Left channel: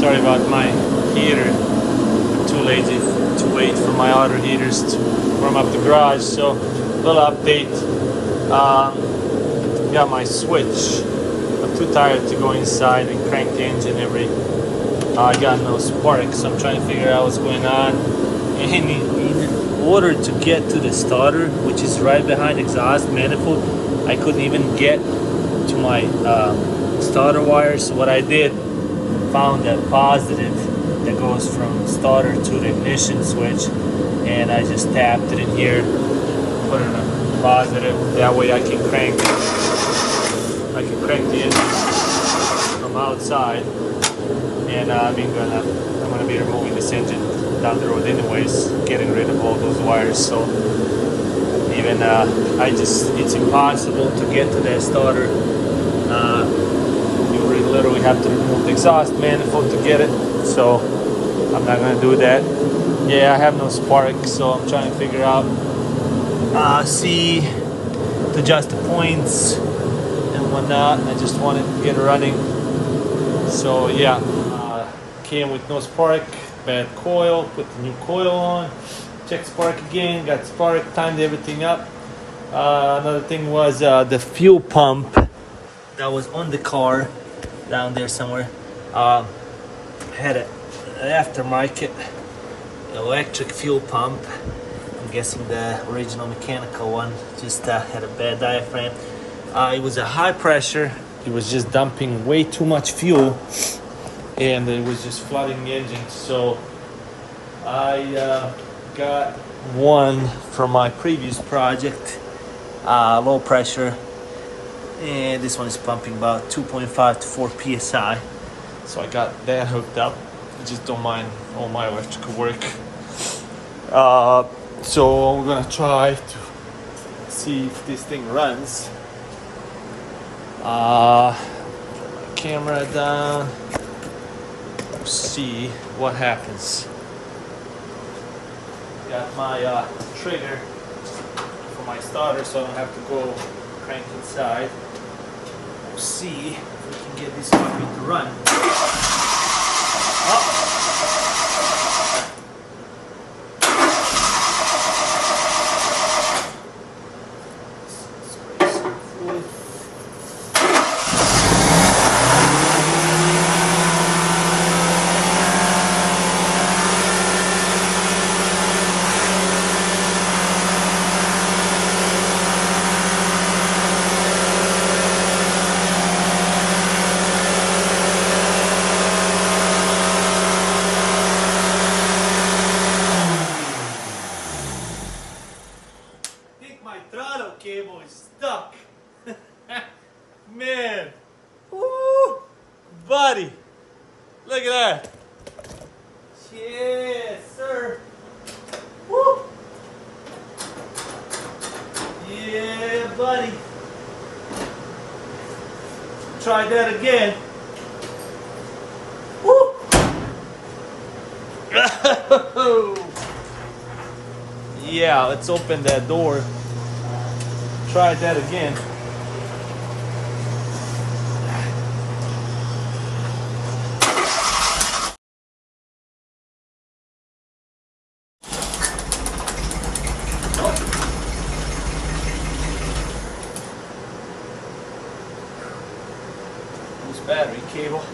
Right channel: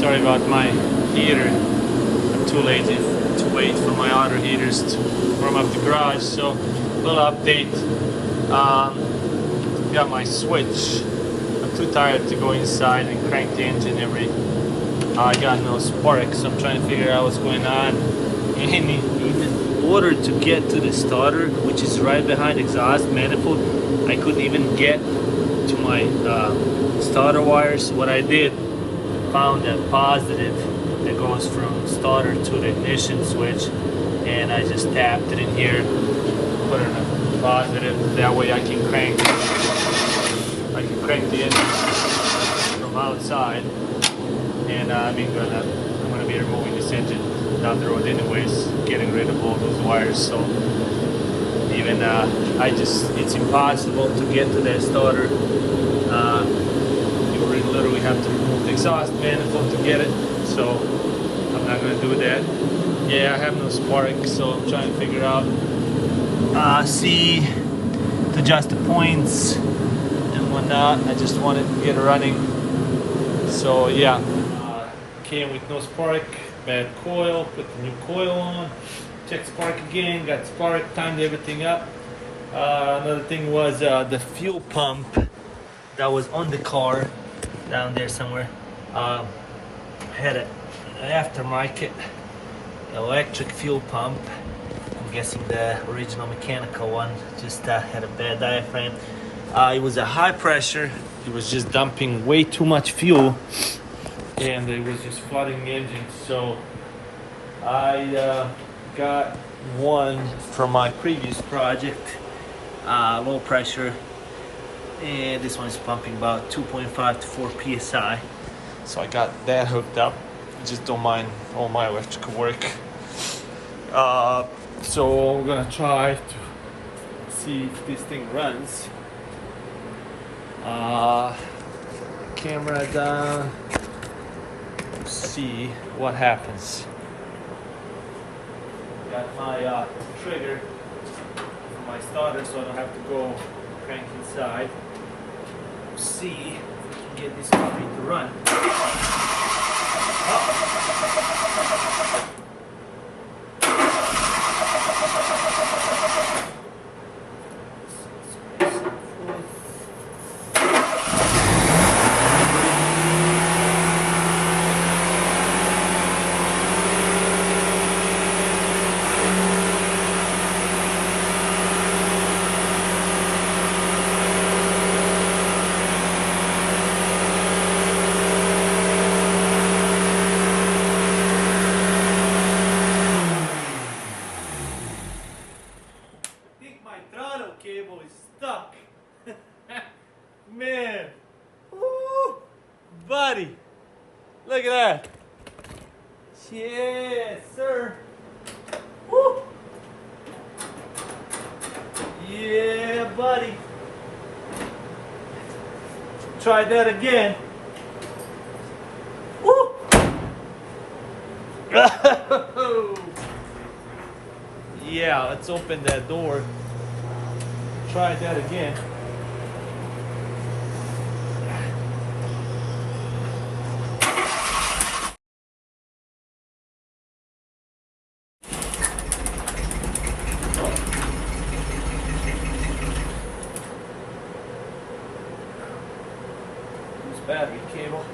Sorry about my heater. I'm too lazy to wait for my other heaters to warm up the garage. So, little update. Got my switch. I'm too tired to go inside and crank the engine I got no spark, so I'm trying to figure out what's going on. And even in order to get to the starter, which is right behind the exhaust manifold, I couldn't even get to my starter wires. So what I did, found a positive that goes from starter to the ignition switch, and I just tapped it in here, put in a positive. That way I can crank the engine from outside. And I'm gonna be removing this engine down the road anyways, getting rid of all those wires. So even it's impossible to get to the starter. You literally have to remove the exhaust manifold to get it. So I'm not gonna do that. Yeah, I have no spark, so I'm trying to figure out see to adjust the points and whatnot. I just wanted to get it running. So yeah. Came with no spark, bad coil, put the new coil on, check spark again, got spark, timed everything up. Another thing was the fuel pump that was on the car down there somewhere. Had an aftermarket electric fuel pump. I'm guessing the original mechanical one just had a bad diaphragm. It was a high pressure. It was just dumping way too much fuel, and it was just flooding the engine. So I got one from my previous project, low pressure, and this one is pumping about 2.5 to 4 psi. So I got that hooked up. Just don't mind all my electrical work. So we're gonna try to see if this thing runs. Camera down. See what happens. Got my trigger for my starter, so I don't have to go crank inside. See if we can get this puppy to run. Throttle cable is stuck. Man, woo, buddy, look at that. Yes, sir. Woo. Yeah, buddy. Try that again. Woo. Yeah, let's open that door. Try that again. Loose battery cable.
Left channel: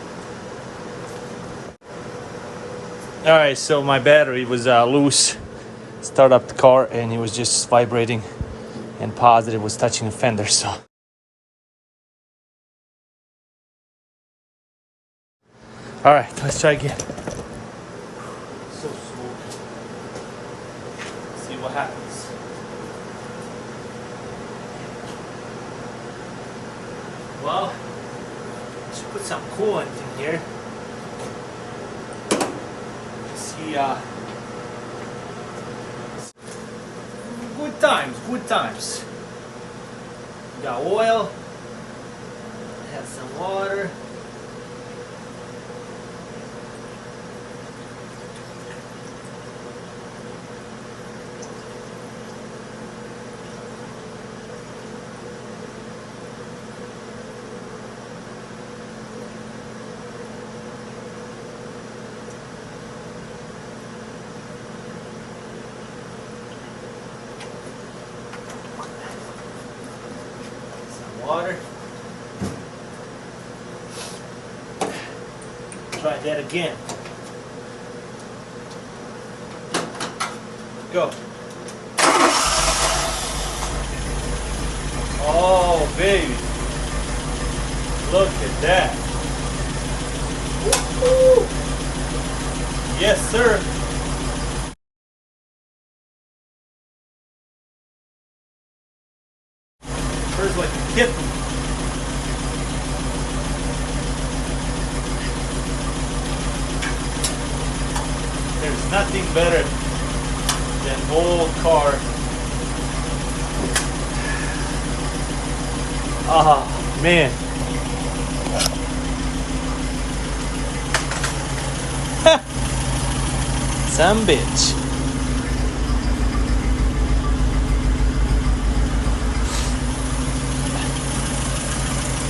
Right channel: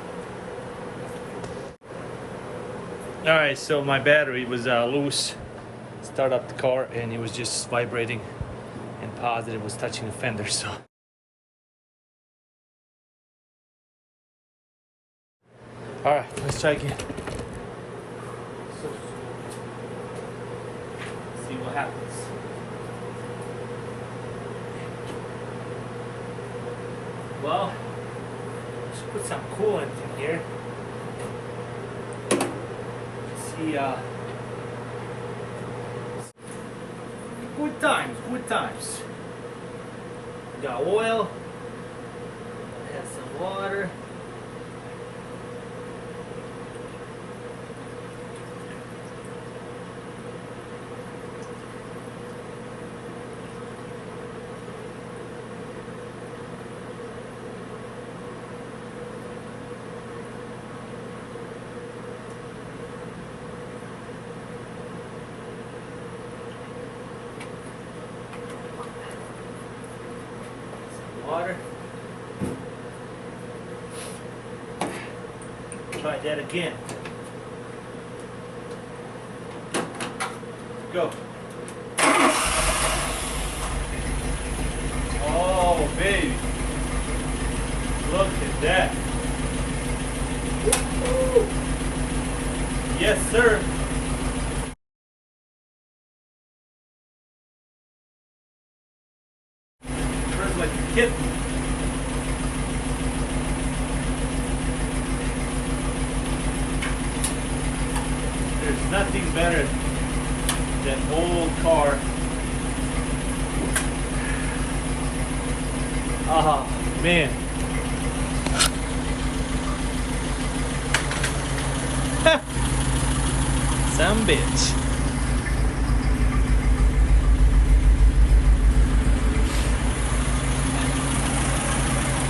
All right, so my battery was loose. Start up the car and it was just vibrating, and positive was touching the fender. So all right, let's try again. So see what happens. Well, I should put some coolant in here. See, good times. Got oil, I have some water. water. Try that again. Go. Oh, baby. Look at that. Woo-hoo. Yes, sir. First like a kitten. There's nothing better than old car. Oh, man. Some bitch.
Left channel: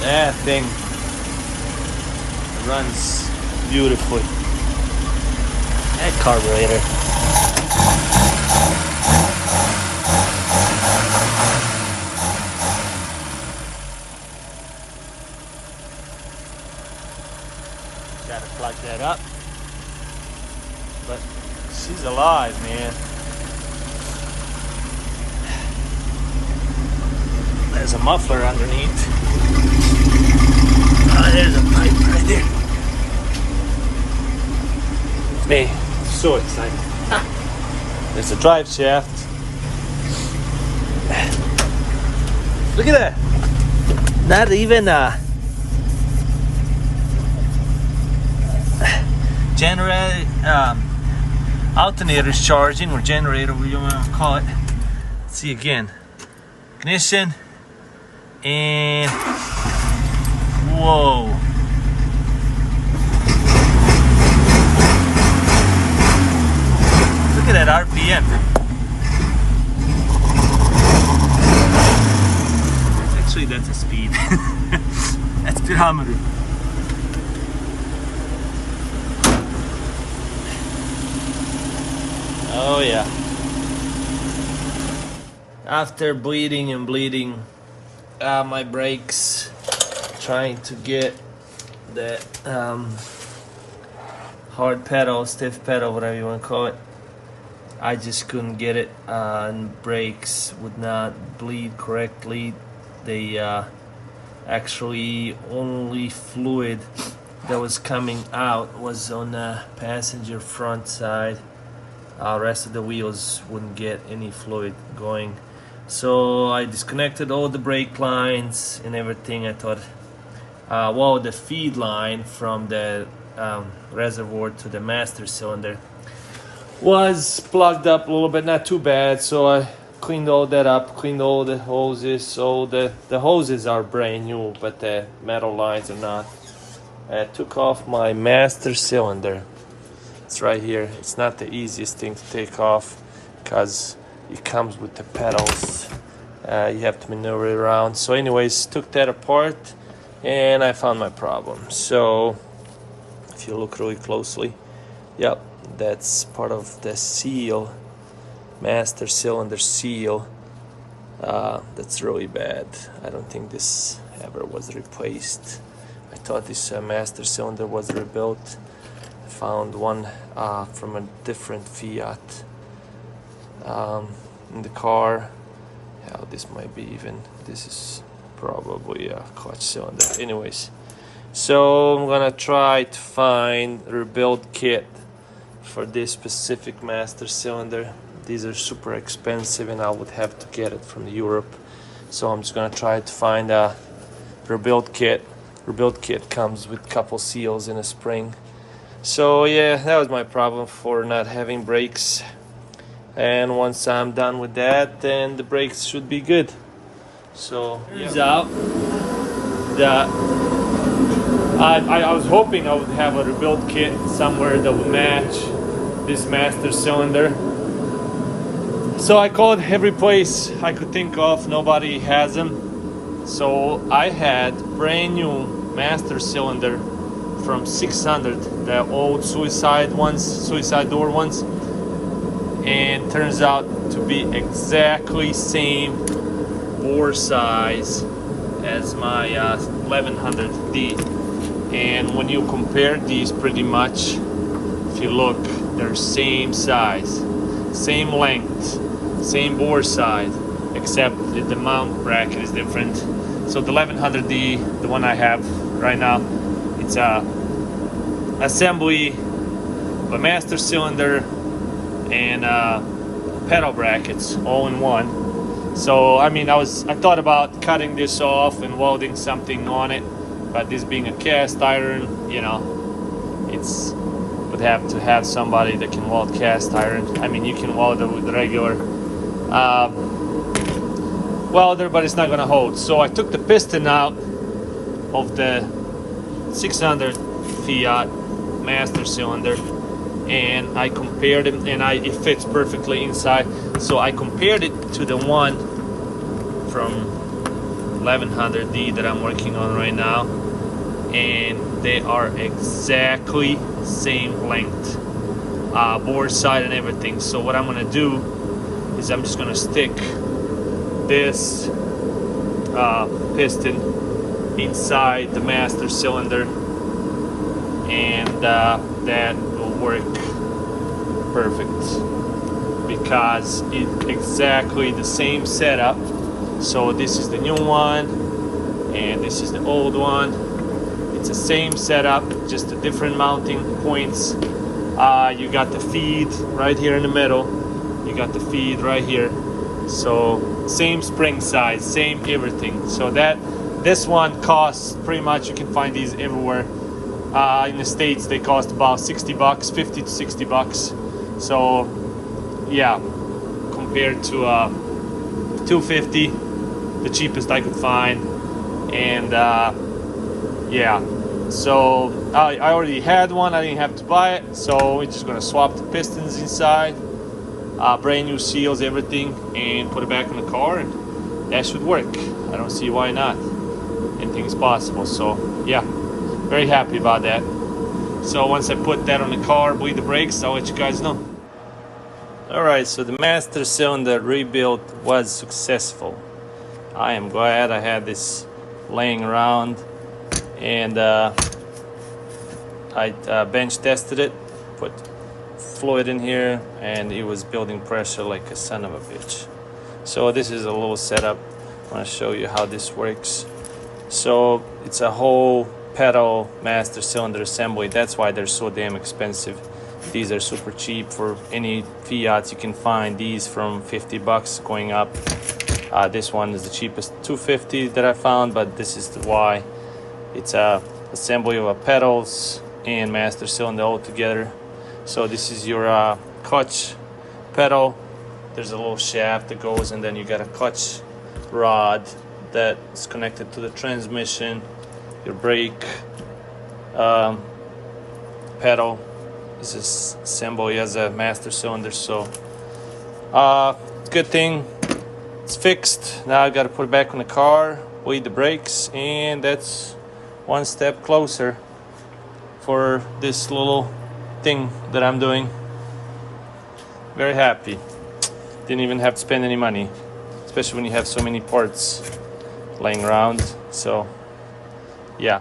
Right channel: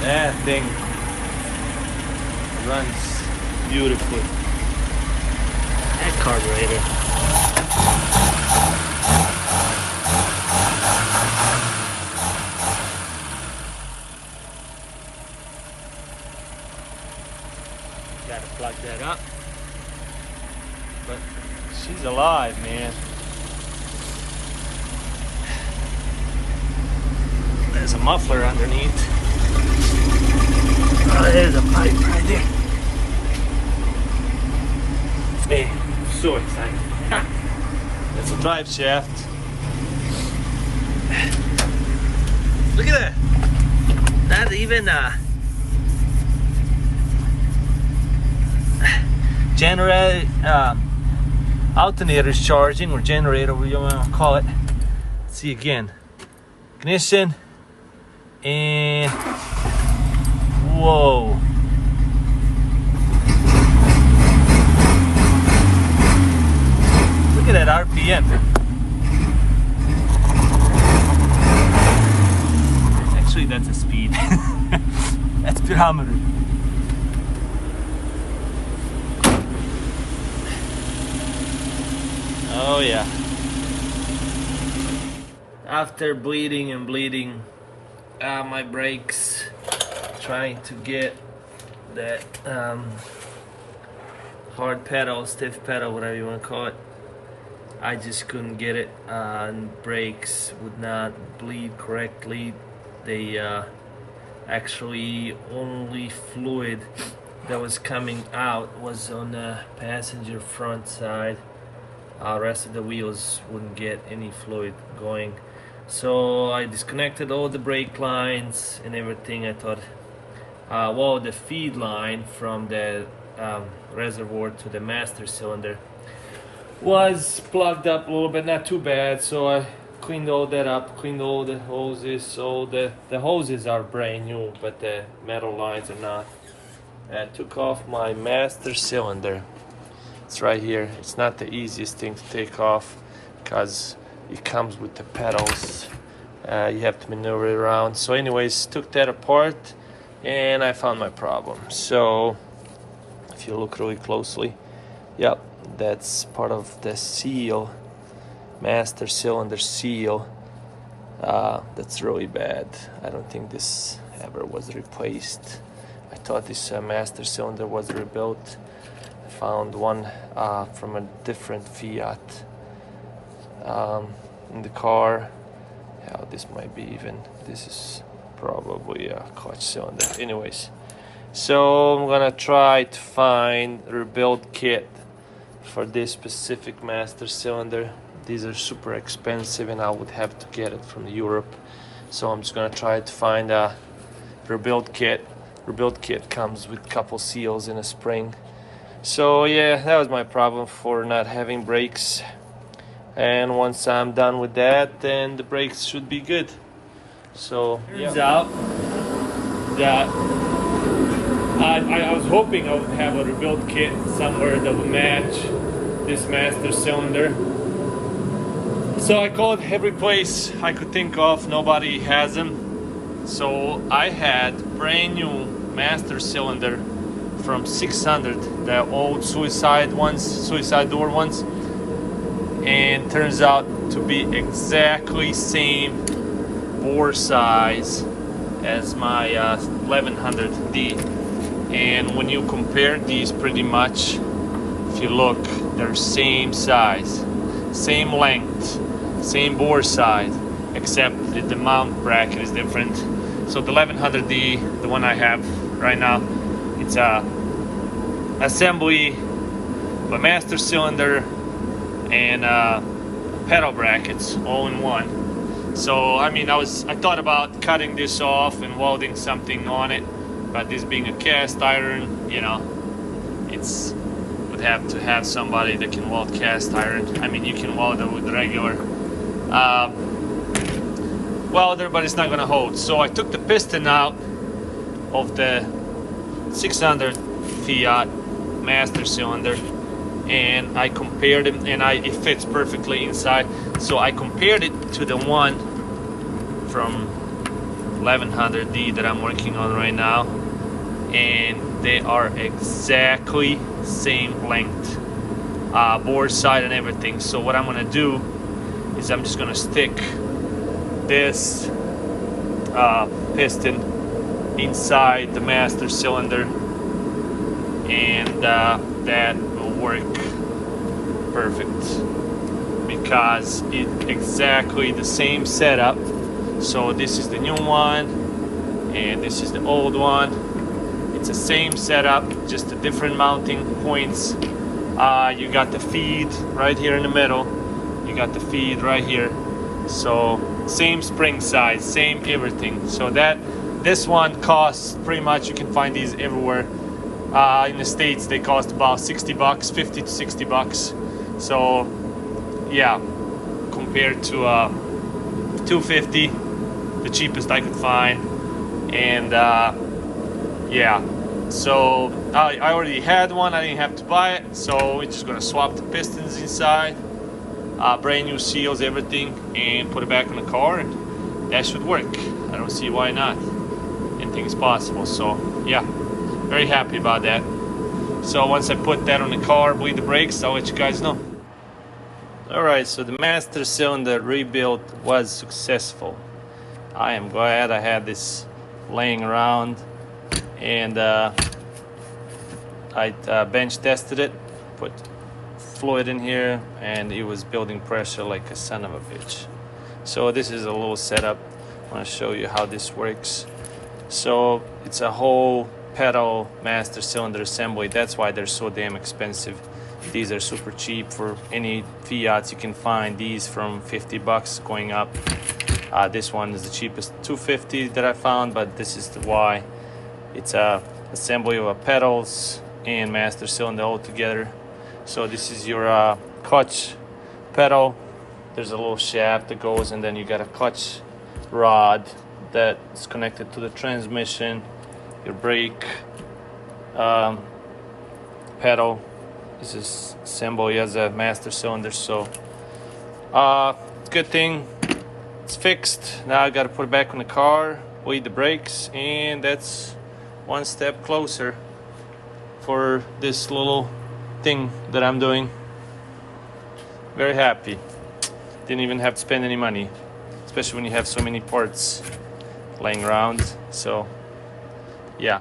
That thing runs beautifully. That carburetor. Gotta plug that up. But she's alive, man. There's a muffler underneath. Oh, there's a pipe right there. Me, so excited. There's a drive shaft. Look at that. Not even a generator, alternator is charging, or generator, whatever you want to call it. Let's see again. Ignition. And whoa. Look at that RPM. Actually, that's a speed. That's speedometer. Oh yeah. After bleeding and bleeding my brakes, trying to get that hard pedal, stiff pedal, whatever you want to call it, I just couldn't get it, and brakes would not bleed correctly. They actually only fluid that was coming out was on the passenger front side. Rest of the wheels wouldn't get any fluid going. So I disconnected all the brake lines and everything. I thought, well, the feed line from the reservoir to the master cylinder was plugged up a little bit, not too bad. So I cleaned all that up, cleaned all the hoses. So the hoses are brand new, but the metal lines are not. I took off my master cylinder. It's right here. It's not the easiest thing to take off because it comes with the pedals. You have to maneuver it around. So anyways, took that apart and I found my problem. So if you look really closely, yep, that's part of the seal, master cylinder seal. That's really bad. I don't think this ever was replaced. I thought this master cylinder was rebuilt. I found one from a different Fiat in the car. Yeah, this might be even, this is probably a clutch cylinder. Anyways, so I'm gonna try to find a rebuild kit for this specific master cylinder. These are super expensive and I would have to get it from Europe. So I'm just gonna try to find a rebuild kit. Rebuild kit comes with a couple seals and a spring. So yeah, that was my problem for not having brakes. And once I'm done with that, then the brakes should be good. So turns out that I was hoping I would have a rebuild kit somewhere that would match this master cylinder. So I called every place I could think of, nobody has them. So I had brand new master cylinder from 600, the old suicide door ones, and turns out to be exactly same bore size as my 1100D. And when you compare these, pretty much, if you look, they're same size, same length, same bore size, except the mount bracket is different. So the 1100D, the one I have right now, it's a assembly of a master cylinder and pedal brackets all in one. So I mean, I thought about cutting this off and welding something on it, but this being a cast iron, you know, would have to have somebody that can weld cast iron. I mean, you can weld it with the regular welder, but it's not gonna hold. So I took the piston out of the 600 Fiat master cylinder, and I compared it, and it fits perfectly inside. So I compared it to the one from 1100D that I'm working on right now, and they are exactly same length, bore side and everything. So what I'm gonna do is I'm just gonna stick this piston inside the master cylinder, and that will work perfect because it's exactly the same setup. So this is the new one and this is the old one. It's the same setup, just the different mounting points. You got the feed right here in the middle, you got the feed right here. So same spring size, same everything. So this one costs pretty much, you can find these everywhere. In the States they cost about 60 bucks, 50 to 60 bucks. So yeah, compared to 250, the cheapest I could find. And yeah, so I already had one, I didn't have to buy it. So we're just gonna swap the pistons inside, brand new seals, everything, and put it back in the car, and that should work. I don't see why not. Anything is possible. So yeah, very happy about that. So once I put that on the car, bleed the brakes, I'll let you guys know. Alright, so the master cylinder rebuild was successful. I am glad I had this laying around, and I bench tested it, put fluid in here, and it was building pressure like a son of a bitch. So this is a little setup. I want to show you how this works. So it's a whole pedal master cylinder assembly. That's why they're so damn expensive. These are super cheap for any Fiats. You can find these from 50 bucks going up. This one is the cheapest, 250 that I found, but this is why. It's a assembly of pedals and master cylinder all together. So this is your clutch pedal. There's a little shaft that goes, and then you got a clutch rod that's connected to the transmission. Your brake pedal is assembly as a master cylinder. So good thing it's fixed. Now I got to put it back on the car, bleed the brakes, and that's one step closer for this little thing that I'm doing. Very happy. Didn't even have to spend any money, especially when you have so many parts laying around. So yeah.